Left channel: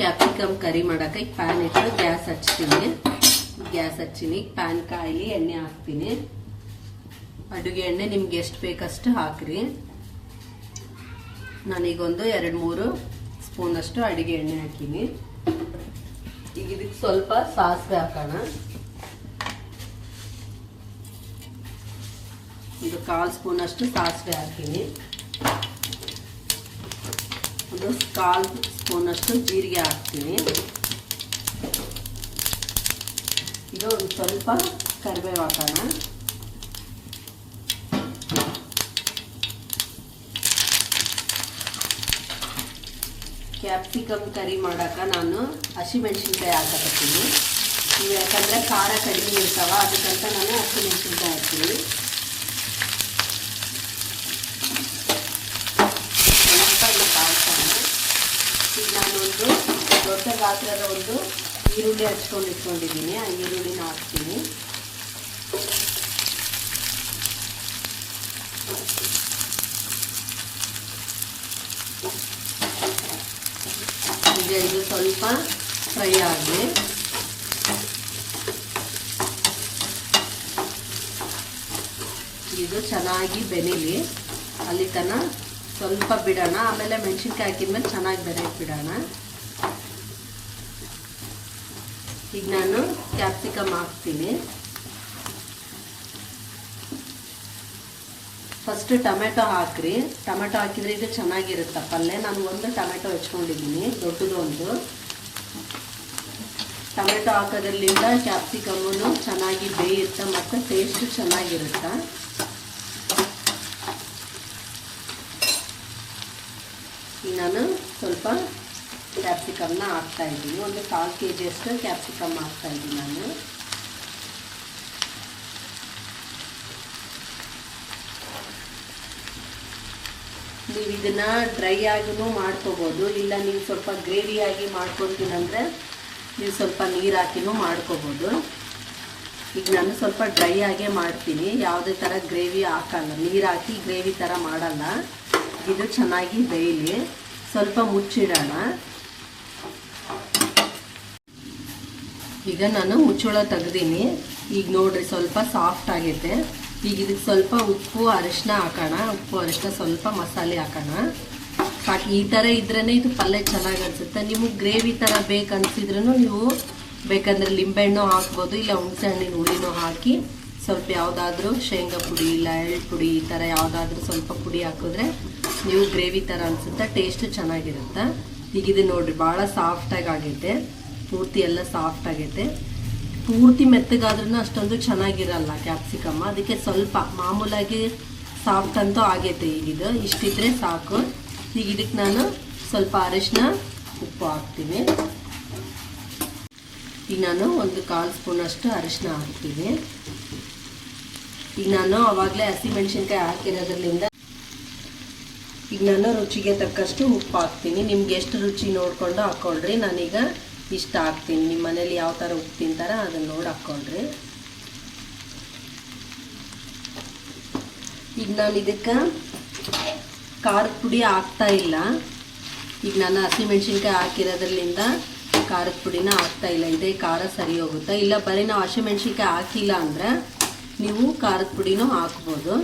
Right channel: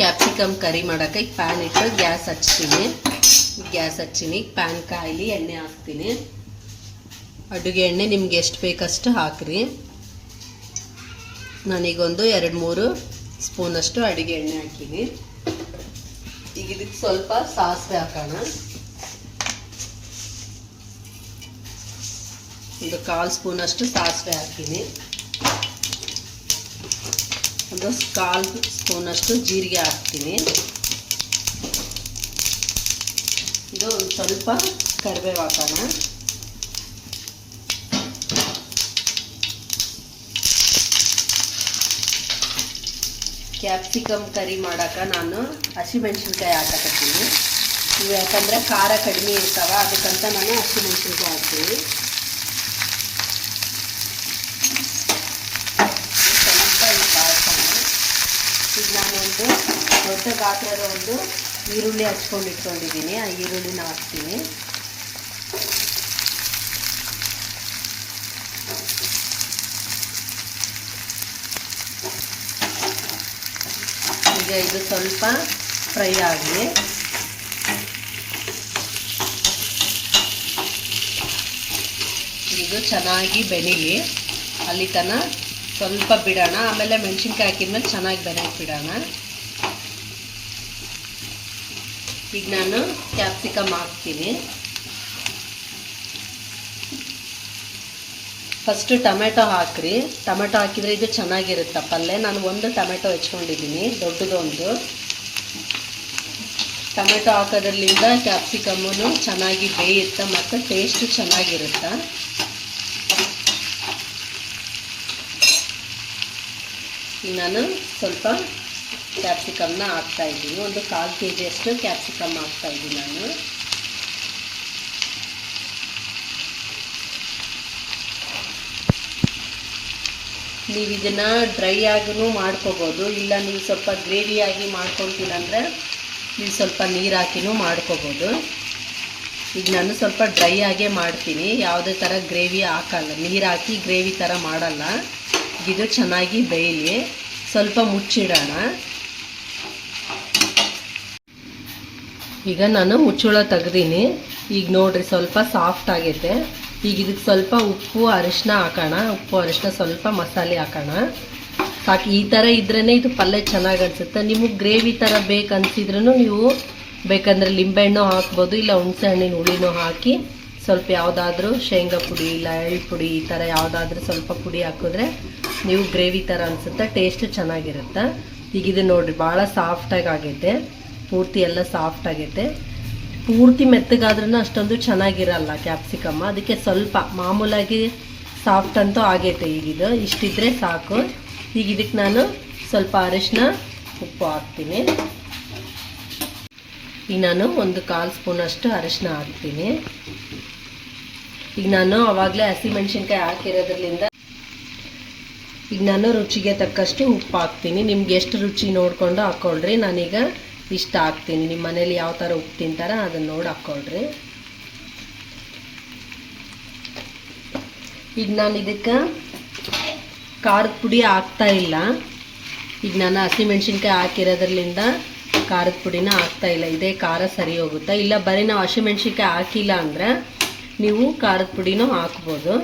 Capsicum curry ಮಾಡೋಕ್ಕೆ ಈಗ PAN ಇಟ್ಟು ಗ್ಯಾಸ್ ಹಚ್ತೀನಿ. ಪ್ಯಾನ್ ಕಾಯಿಲಿ ಎಣ್ಣೆ ಹಾಕ್ತೀನಿ. ಅಡುಗೆ ಎಣ್ಣೆ ನಿಮ್ಗೆ ಎಷ್ಟು ಬೇಕಷ್ಟು ಹಾಕ್ರಿ. ನಾನೀಗೊಂದು 2-3 ಸ್ಪೂನಷ್ಟು ಅಡುಗೆ ಎಣ್ಣೆ ಹಾಕಿನಿ. ಈಗ ಇದಕ್ಕೆ ಸ್ವಲ್ಪ ಸಾಸಿವೆ ಹಾಕೋಣ. ಒಂದು 1/4 ಸ್ಪೂನಷ್ಟು ಸಾಸಿವೆ ಹಾಕಿನಿ. ಒಂದು 1/4 ಸ್ಪೂನಷ್ಟು ಜೀರಿಗೆ ಹಾಕ್ತೀನಿ. ಇದು ಒಂದು ಸ್ವಲ್ಪ ಕರಿಬೇವು ಹಾಕೋಣ. ಕ್ಯಾಪ್ಸಿಕಮ್ ಕರಿ ಮಾಡೋಕೆ ನಾನು ಹಸಿಮೆಣಸಿನ್ಕಾಯಿ ಹಾಕತ್ತೀನಿ. ಯಾಕಂದರೆ ಖಾರ ಕಡಿಮೆ ಇರ್ತಾವ, ಅದಕ್ಕಂತ ನಾನು ಹಸಿಮೆಣಸಿನ್ಕಾಯಿ ಹಾಕ್ತೀನಿ. ಈಗ ನಾನು ಒಂದು ದೊಡ್ಡ ಗಾತ್ರದ ಒಂದು ಈರುಳ್ಳಿ ಹಚ್ಕೊಂಡು ಇಟ್ಕೊಂಡಿದ್ದೀನಿ. ಆ ಈರುಳ್ಳಿನ ಹಾಕ್ತೀನಿ. ಈಗ ಇದು ಸ್ವಲ್ಪ ಫ್ರೈ ಆಗಲಿ. ಇದು ಚೆನ್ನಾಗಿ ಬೆನೀಲಿ, ಅಲ್ಲಿ ತನಕ ಸ್ವಲ್ಪ ಬಿಡೋಣ. ಆಮೇಲೆ ಮೆಣಸಿನ್ಕಾಯಿ ಹಾಕಿದ್ಮೇಲೆ ಚೆನ್ನಾಗಿ ಬೆರೆಸಿ ಬಿಡೋಣ. ಈಗ ನಾನು ಕ್ಯಾಪ್ಸಿಕಮ್ ಹಾಕ್ತೀನಿ. ಫಸ್ಟು ಟೊಮೆಟೊ ಹಾಕ್ರಿ. ಟೊಮೆಟೊ ಹಾಕಿದರೆ ಇದು ಚೆನ್ನಾಗಿರುತ್ತೆ ಪಲ್ಯ. ನಾನು ಒಂದು ಟೊಮೆಟೊ ಹೆಚ್ಕೊಂಡಿದ್ದೀನಿ, ದೊಡ್ಡದು ಒಂದು. ಟೊಮೆಟೊ ಹಾಕೋದ್ರಿಂದ ಕ್ಯಾಪ್ಸಿಕಮ್ಮು ಚೆನ್ನಾಗಿ ಬೇಯುತ್ತೆ ಮತ್ತು ಟೇಸ್ಟು ಚೆನ್ನಾಗಿರುತ್ತೆ. ಈಗ ನಾನು ಸ್ವಲ್ಪ ಕ್ಯಾಪ್ಸಿಕಮ್ನ ಹಾಕ್ತಾಯಿದ್ದೀನಿ. ಒಂದು 1/4 kg ಕ್ಯಾಪ್ಸಿಕಮ್ ಹಾಕ್ತಾಯಿದ್ದೀನಿ ನಾನು. ನೀವು ಇದನ್ನು ಡ್ರೈ ಆಗಿನೂ ಮಾಡ್ಕೋಬೋದು, ಇಲ್ಲ ನೀವು ಸ್ವಲ್ಪ ಗ್ರೇವಿಯಾಗಿ ಮಾಡ್ಕೊಳ್ತೀರಂದರೆ ನೀವು ಸ್ವಲ್ಪ ನೀರು ಹಾಕಿನೂ ಮಾಡ್ಕೋಬೋದು. ಈಗ ನಾನು ಸ್ವಲ್ಪ ಡ್ರೈ ಆಗೇ ಮಾಡ್ತೀನಿ, ಯಾವುದೇ ಥರ ಗ್ರೇವಿ ಹಾಕಲ್ಲ, ನೀರು ಹಾಕಿ ಗ್ರೇವಿ ಥರ ಮಾಡಲ್ಲ. ಇದು ಚೆನ್ನಾಗಿ ಬೇಯಲಿ, ಸ್ವಲ್ಪ ಮುಚ್ಚಿಡೋಣ. ಈಗ ನಾನು ಮುಚ್ಚಳ ತೆಗ್ದೀನಿ. ಈಗ ನೋಡಿರಿ ಸ್ವಲ್ಪ ಸಾಫ್ಟ್ ಆಗೈತೆ. ಈಗ ಇದಕ್ಕೆ ಸ್ವಲ್ಪ ಉಪ್ಪು ಅರಿಶಿನ ಹಾಕೋಣ. ಉಪ್ಪು ಅರಿಶಿನ ಸ್ವಲ್ಪ ಮಸಾಲೆ ಹಾಕೋಣ. ಸಾಕು. ಈ ಥರ ಇದ್ರೇ ಇದು ಪಲ್ಯ ಚೆನ್ನಾಗಿ ಅನಿಸುತ್ತೆ. ನಿಮಗೆ ಗ್ರೇವಿ ಥರ ಬೇಕನ್ಸಿದ್ರೂ ನೀವು ಬೇಕಂದ್ರೆ ಲಿಂಬೆಹಣ್ಣು ಹಾಕ್ಬೋದು, ಇಲ್ಲ ಹುಣಸೆ ಹಣ್ಣಿನ ಹುಳಿನೂ ಹಾಕಿ ಸ್ವಲ್ಪ ಯಾವುದಾದ್ರೂ ಶೇಂಗಾ ಪುಡಿ ಇಲ್ಲ ಎಳ್ಳು ಪುಡಿ ಈ ಥರ ಯಾವುದಾದ್ರೂ ಸ್ವಲ್ಪ ಪುಡಿ ಹಾಕಿದ್ರೆ ನೀವು ಗ್ರೇವಿ ಥರ ಅನಿಸುತ್ತೆ, ಟೇಸ್ಟು ಚೆನ್ನಾಗಿರುತ್ತೆ. ಈಗ ಇದು ನೋಡಿರಿ ಭಾಳ ಸಾಫ್ಟಾಗಿ ಆಗೈತೆ, ಪೂರ್ತಿ ಎಲ್ಲ ಸಾಫ್ಟ್ ಆಗೈತೆ. ಪೂರ್ತಿ ಮೆತ್ತಗಾದ್ರೂ ಅಷ್ಟೊಂದು ಚೆನ್ನಾಗಿರಲ್ಲ ಕ್ಯಾಪ್ಸಿಕಮ್, ಅದಕ್ಕೆ ಸ್ವಲ್ಪ ಮಾಮೂಲಾಗಿ ಸಾಫ್ಟ್ ಅಂತೂ ಆಗೈತೆ. ಈಗಿದು ಇಷ್ಟಿದ್ರೆ ಸಾಕು. ಈಗ ಇದಕ್ಕೆ ನಾನು ಸ್ವಲ್ಪ ಅರಿಶಿನ ಉಪ್ಪು ಹಾಕ್ತೀನಿ. ಈಗ ನಾನು ಒಂದು 1/4 ಸ್ಪೂನಷ್ಟು ಅರಿಶಿನ ಹಾಕ್ತೀನಿ. ಈಗ ನಾನು ಆವಾಗಲೇ ಹಸಿಮೆಣಸಿನ್ಕಾಯಿ ಹಾಕಿರೋದ್ರಿಂದ ಈಗ ನಾನು ರುಚಿಗೆ ತಕ್ಕಷ್ಟು ಉಪ್ಪು ಹಾಕ್ತೀನಿ. ನಿಮ್ಗೆ ಎಷ್ಟು ರುಚಿ ನೋಡಿಕೊಂಡು ಹಾಕ್ಕೊಳ್ರಿ. ನಾನೀಗ ಇಷ್ಟ ಹಾಕ್ತೀನಿ. ನಿಮ್ಮ ಮನೇಲಿ ಯಾವ ಥರ ಉಪ್ಪು ತಿಂತಾರ ಅದನ್ನು ನೋಡಿ ಹಾಕ್ಕೊಳ್ರಿ. ಈಗ ನಾನು ಇದಕ್ಕೆ ಖಾರದ ಪುಡಿ ಹಾಕ್ತಾ ಇಲ್ಲ. ಈಗ ನಾನು ಹಸಿಮೆಣ್ಸಿನ್ಕಾಯಿ ಹಾಕಿರೋದ್ರಿಂದ ಖಾರದ ಪುಡಿನ ಹಾಕ್ತಾ ಇಲ್ಲ. ಇದೇ ಖಾರ ಸರಿ ಹೋಗುತ್ತೆ. ಇಲ್ಲ ಬರೀ ನಾವು ಹಸಿಮೆಣ್ಸಿನ್ಕಾಯಿ ಹಾಕಿಲ್ಲ ಅಂದರೆ ನೀವು ಖಾರದ ಪುಡಿನೂ ಹಾಕ್ಬೋದು.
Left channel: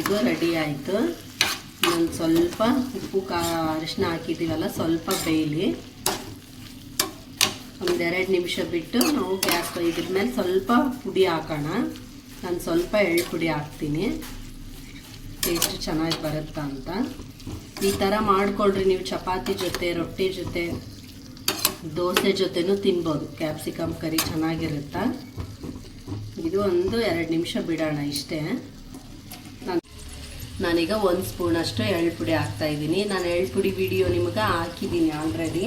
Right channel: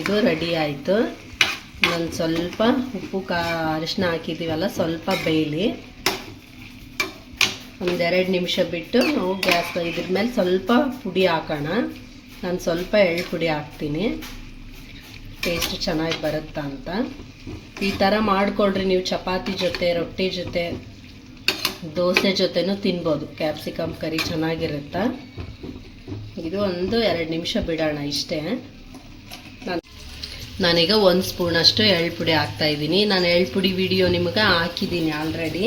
ಇದು ರೆಡಿ ಆಯಿತು. ಒಂದು ಸ್ವಲ್ಪ ಉಪ್ಪು ಅರಿಶಿನ ಹಾಕಿದ್ದೀವಲ್ಲ, ಸ್ವಲ್ಪ ಬೇಯಲಿ. ಒಂದು 2 ನಿಮಿಷ ಬಿಟ್ಟು ನಾವು ಗ್ಯಾಸ್ ಇದ್ರ ಮೇಲೆ ಸ್ವಲ್ಪ ಪುಡಿ ಹಾಕೋಣ. ನಾನು ಸ್ವಲ್ಪ ಎಳ್ಳು ಪುಡಿ ಹಾಕ್ತೀನಿ, ಟೇಸ್ಟ್ ಚೆನ್ನಾಗಿ ಬರುತ್ತಾ ಅಂತ. ಈ ಥರ ಮಾಡ್ಕೊಳ್ರಿ. ನೀವು ಚಪಾತಿ ಜೊತೆ, ರೊಟ್ಟಿ ಜೊತೆ, ದೋಸೆ ಜೊತೆನೂ ತಿನ್ಬೋದು. ಕ್ಯಾಪ್ಸಿಕಮ್ ಕರಿ ಚೆನ್ನಾಗಿರುತ್ತೆ. ಇದು ಒಂದು 2 ನಿಮಿಷ ಬಿಡೋಣ ಇಷ್ಟೇ. ನಾನೀಗ 1 ಸ್ಪೂನಷ್ಟು ಎಳ್ಳು ಪುಡಿ ಹಾಕ್ತಾಯಿದ್ದೀನಿ. ನಾನು ಎಳ್ಳು ಪುಡಿ ವಿಡಿಯೋ ನಿಮಗೆ ಹಾಕಿದ್ದೀನಿ ಆಲ್ರೆಡಿ,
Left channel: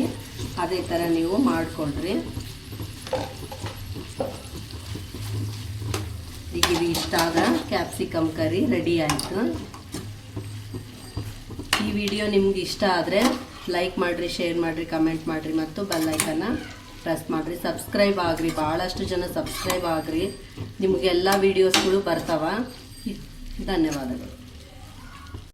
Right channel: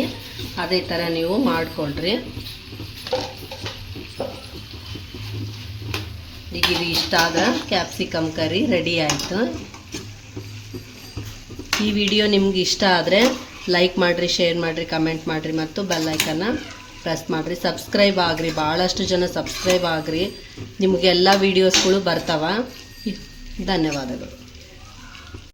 ಅದೇ ಥರ ನೀವು ಮಾಡಿಕೊಳ್ರಿ. ಈಗ ಇದು ಇಷ್ಟ ಆದ ಕ್ಯಾಪ್ಸಿಕಮ್ ಕರಿ ರೆಡಿ ಆಯಿತು. ಈ ವಿಡಿಯೋ ನಿಮ್ಗೆ ಇಷ್ಟ ಆದರೆ ಲೈಕ್ ಮಾಡಿರಿ, ಶೇರ್ ಮಾಡಿರಿ, ಕಮೆಂಟ್ ಮಾಡಿರಿ ಮತ್ತು ಬೆಲ್ ಐಕನ್ನ ಪ್ರೆಸ್ ಮಾಡಿರಿ. ಸಬ್ಸ್ಕ್ರೈಬ್ ಆಗಿರಿ, ಭಾಳಷ್ಟು ಜನ ಸಬ್ಸ್ಕ್ರೈಬ್ ಆಗಿರಿ. ನಿಮಗೆಲ್ಲ ವೀಡಿಯೋಸ್ಗಳು ಬರ್ತಾವ. ಧನ್ಯವಾದಗಳು.